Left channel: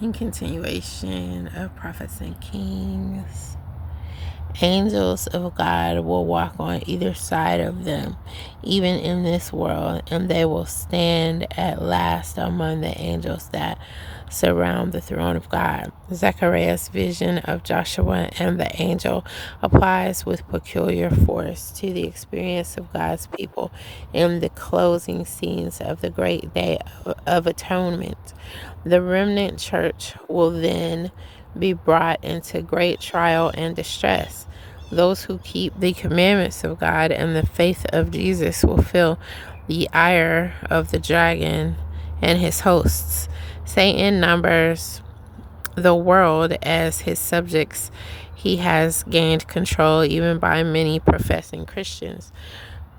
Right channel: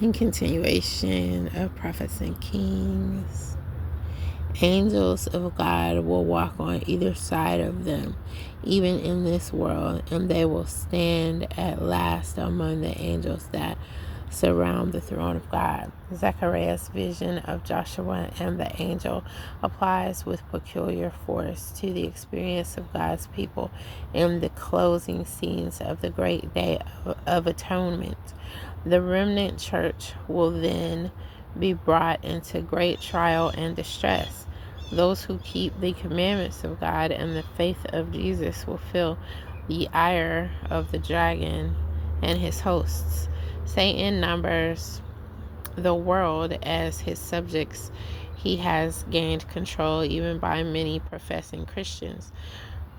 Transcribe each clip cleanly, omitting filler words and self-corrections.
In continuation of Prophets and Kings, angels of God will walk on either side of them, even in this world, and they will stand at last among the angels that surround the throne of God. Zechariah's vision of Joshua and the angel applies with peculiar force to the experience of God's people in the closing scenes of the great day of atonement. The remnant church will then be brought into great trial and distress. Those who keep the commandments of God and the faith of Jesus will feel the ire of the dragon and his hosts. Satan numbers the world as his subjects. He has gained control even by many professing Christians.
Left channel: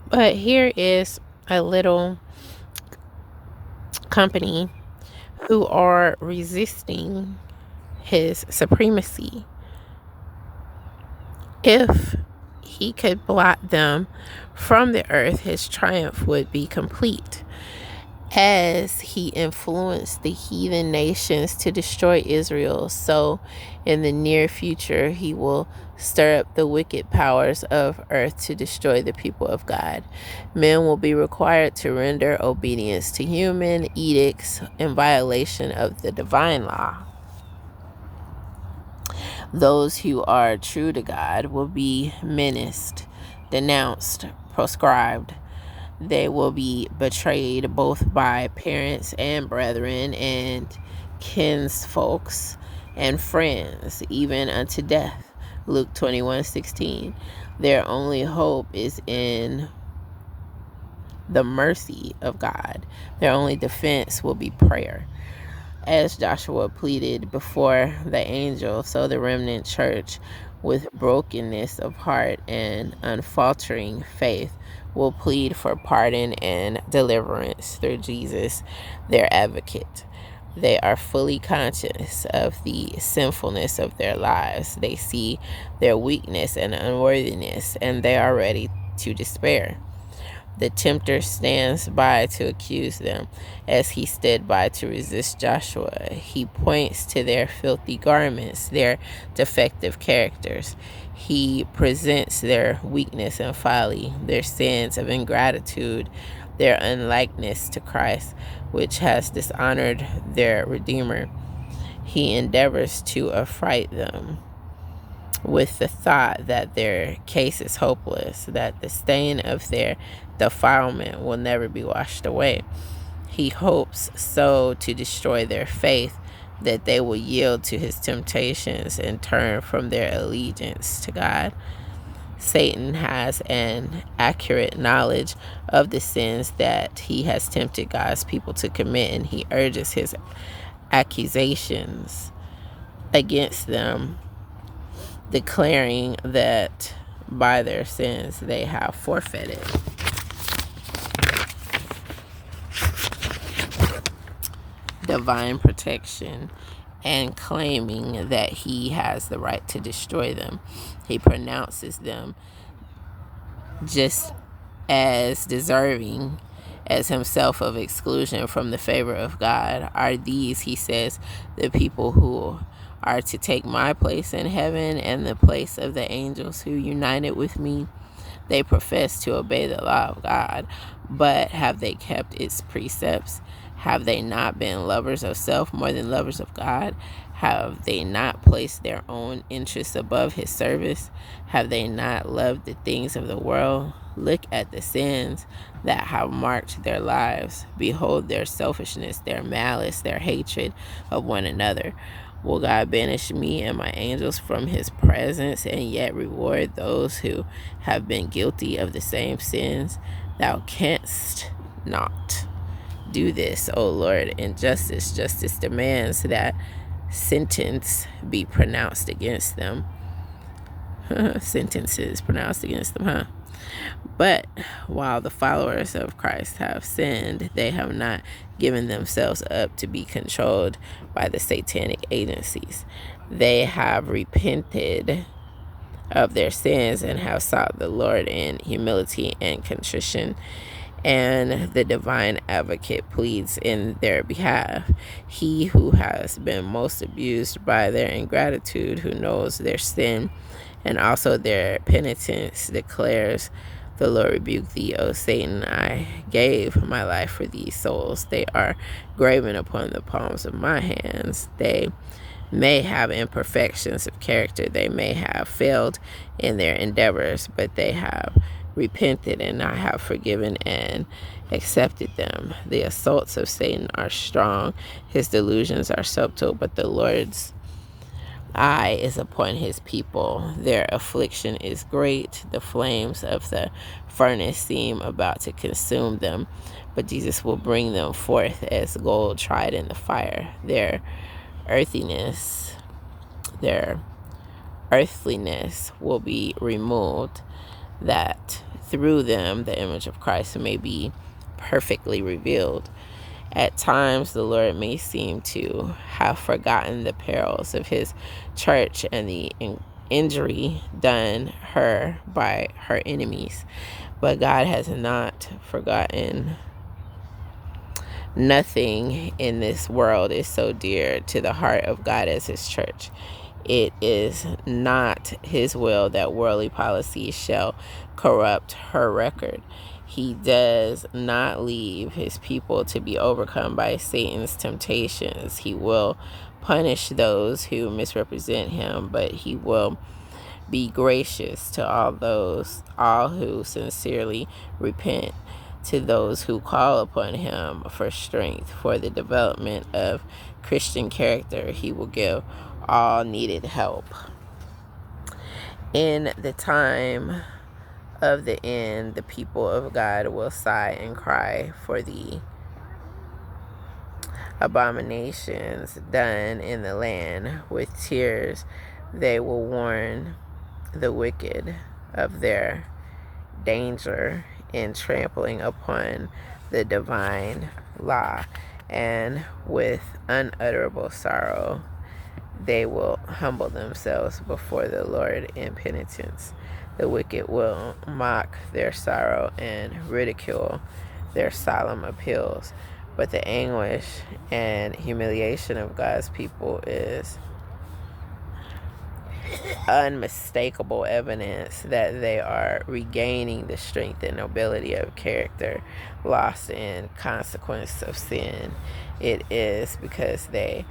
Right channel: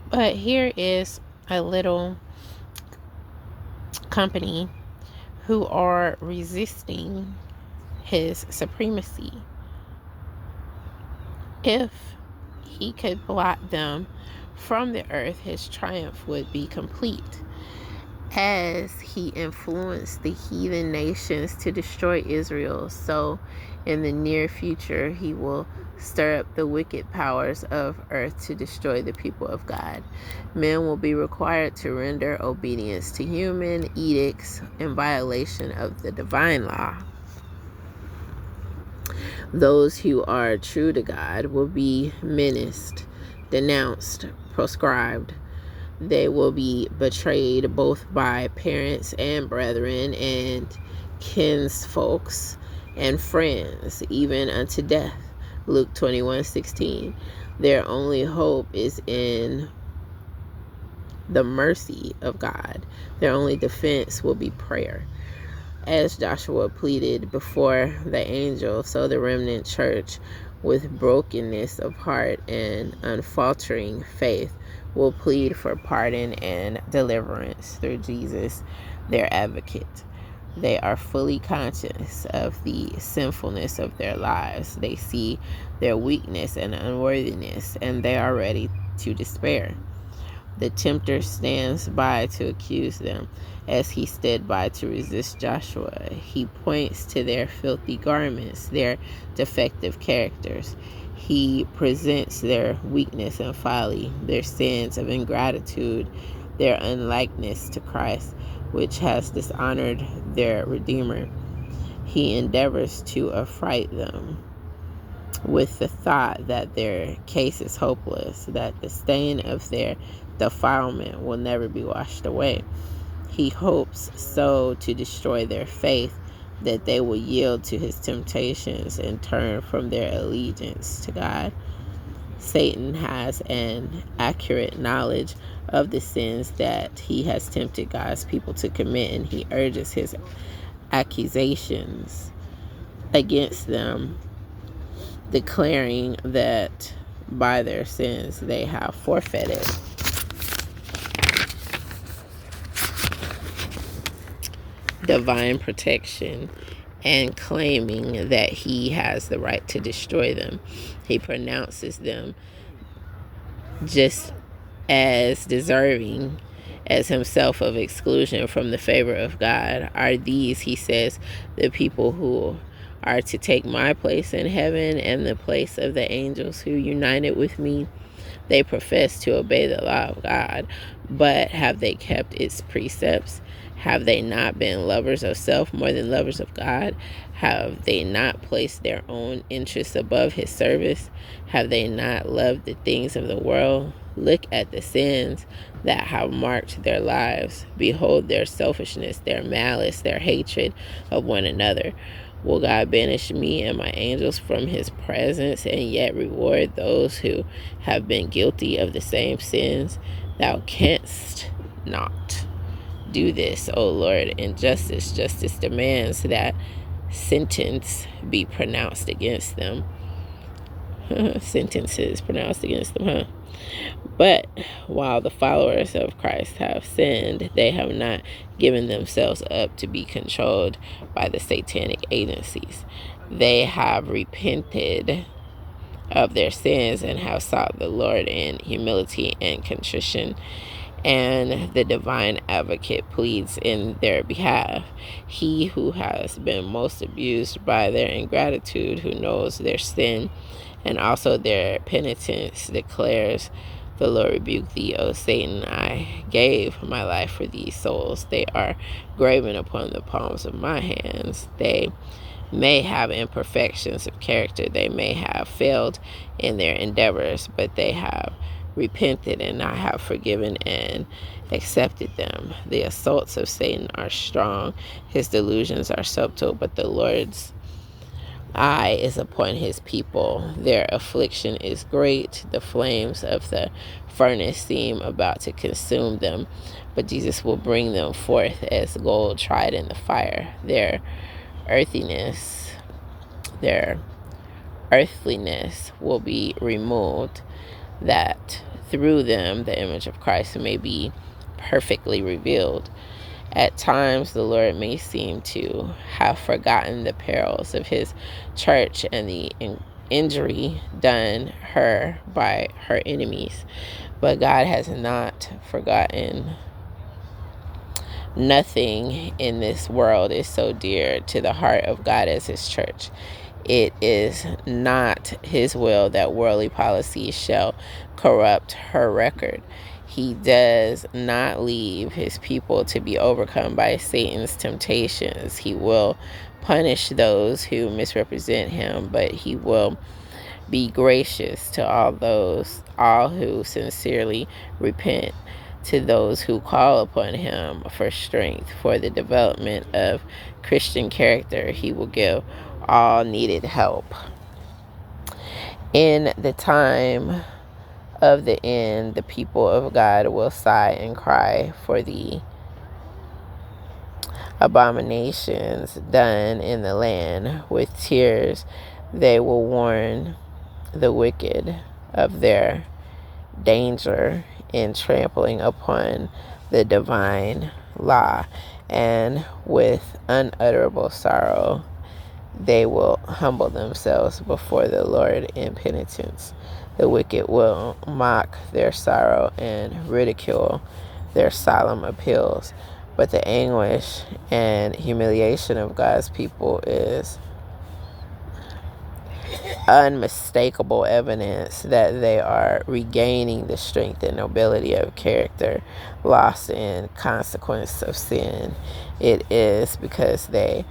But here is a little company who are resisting his supremacy. If he could blot them from the earth, his triumph would be complete. As he influenced the heathen nations to destroy Israel, so in the near future he will stir up the wicked powers of earth to destroy the people of God. Men will be required to render obedience to human edicts in violation of the divine law. Those who are true to God will be menaced, denounced, proscribed. They will be betrayed both by parents and brethren and kinsfolks and friends, even unto death. Luke 21:16. Their only hope is in the mercy of God. Their only defense will be prayer. As Joshua pleaded before the angel, so the remnant church, with brokenness of heart and unfaltering faith, will plead for pardon and deliverance through Jesus, their advocate. They are fully conscious of the sinfulness of their lives. They see their weakness and unworthiness, and they are ready to despair. The tempter stands by to accuse them, as he stood by to resist Joshua. He points to their filthy garments, their defective characters. He presents their weakness and folly, their sins of ingratitude, their unlikeness to Christ, which has dishonored their Redeemer. He endeavors to affright them with the thought that their case is hopeless, that the stain of their defilement will never be washed away. He hopes so to destroy their faith that they will yield to his temptations and turn from their allegiance to God. Satan has an accurate knowledge of the sins that he has tempted God's people to commit, and he urges his accusations against them, declaring that by their sins they have forfeited divine protection and claiming that he has the right to destroy them. He pronounces them just as deserving as himself of exclusion from the favor of God. Are these, he says, the people who are to take my place in heaven and the place of the angels who united with me? They profess to obey the law of God, but have they kept its precepts? Have they not been lovers of self more than lovers of God? Have they not placed their own interests above his service? Have they not loved the things of the world? Look at the sins that have marked their lives. Behold their selfishness, their malice, their hatred of one another. Will God banish me and my angels from his presence and yet reward those who have been guilty of the same sins? Thou canst not do this, O Lord, in justice. Justice demands that sentence be pronounced against them. Sentences pronounced against them, huh? But while the followers of Christ have sinned, they have not given themselves up to be controlled by the satanic agencies. They have repented of their sins and have sought the Lord in humility and contrition and the divine advocate pleads in their behalf. He who has been most abused by their ingratitude, who knows their sin and also their penitence, declares, "The Lord rebuke thee, O Satan. I gave my life for these souls. They are graven upon the palms of my hands. They may have imperfections of character. They may have failed in their endeavors, but they have repented, and I have forgiven and accepted them. The assaults of Satan are strong. His delusions are subtle, but the Lord's eye is upon his people. Their affliction is great. The flames of the furnace seem about to consume them, but Jesus will bring them forth as gold tried in the fire. Their earthiness, their earthliness will be removed, that through them the image of Christ may be perfectly revealed. At times, the Lord may seem to have forgotten the perils of his church and the injury done her by her enemies. But God has not forgotten. Nothing in this world is so dear to the heart of God as his church. It is not his will that worldly policies shall corrupt her record. He does not leave his people to be overcome by Satan's temptations. He will punish those who misrepresent him, but he will be gracious to all who sincerely repent, to those who call upon him for strength, for the development of Christian character. He will give all needed help. In the time of the end, the people of God will sigh and cry for the abominations done in the land. With tears, they will warn the wicked of their danger in trampling upon the divine law, and with unutterable sorrow they will humble themselves before the Lord in penitence. The wicked will mock their sorrow and ridicule their solemn appeals, but the anguish and humiliation of God's people is unmistakable evidence that they are regaining the strength and nobility of character lost in consequence of sin. It is because they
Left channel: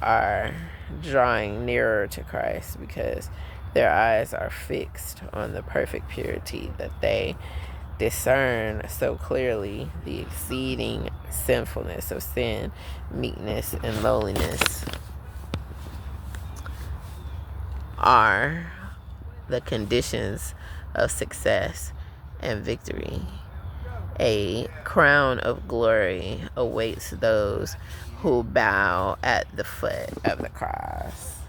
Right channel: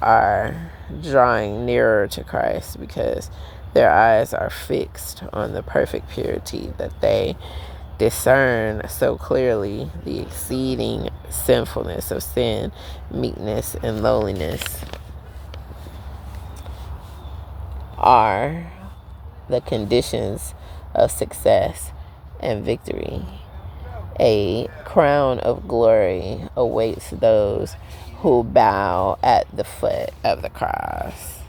are drawing nearer to Christ, because their eyes are fixed on the perfect purity, that they discern so clearly the exceeding sinfulness of sin. Meekness and lowliness are the conditions of success and victory. A crown of glory awaits those who bow at the foot of the cross.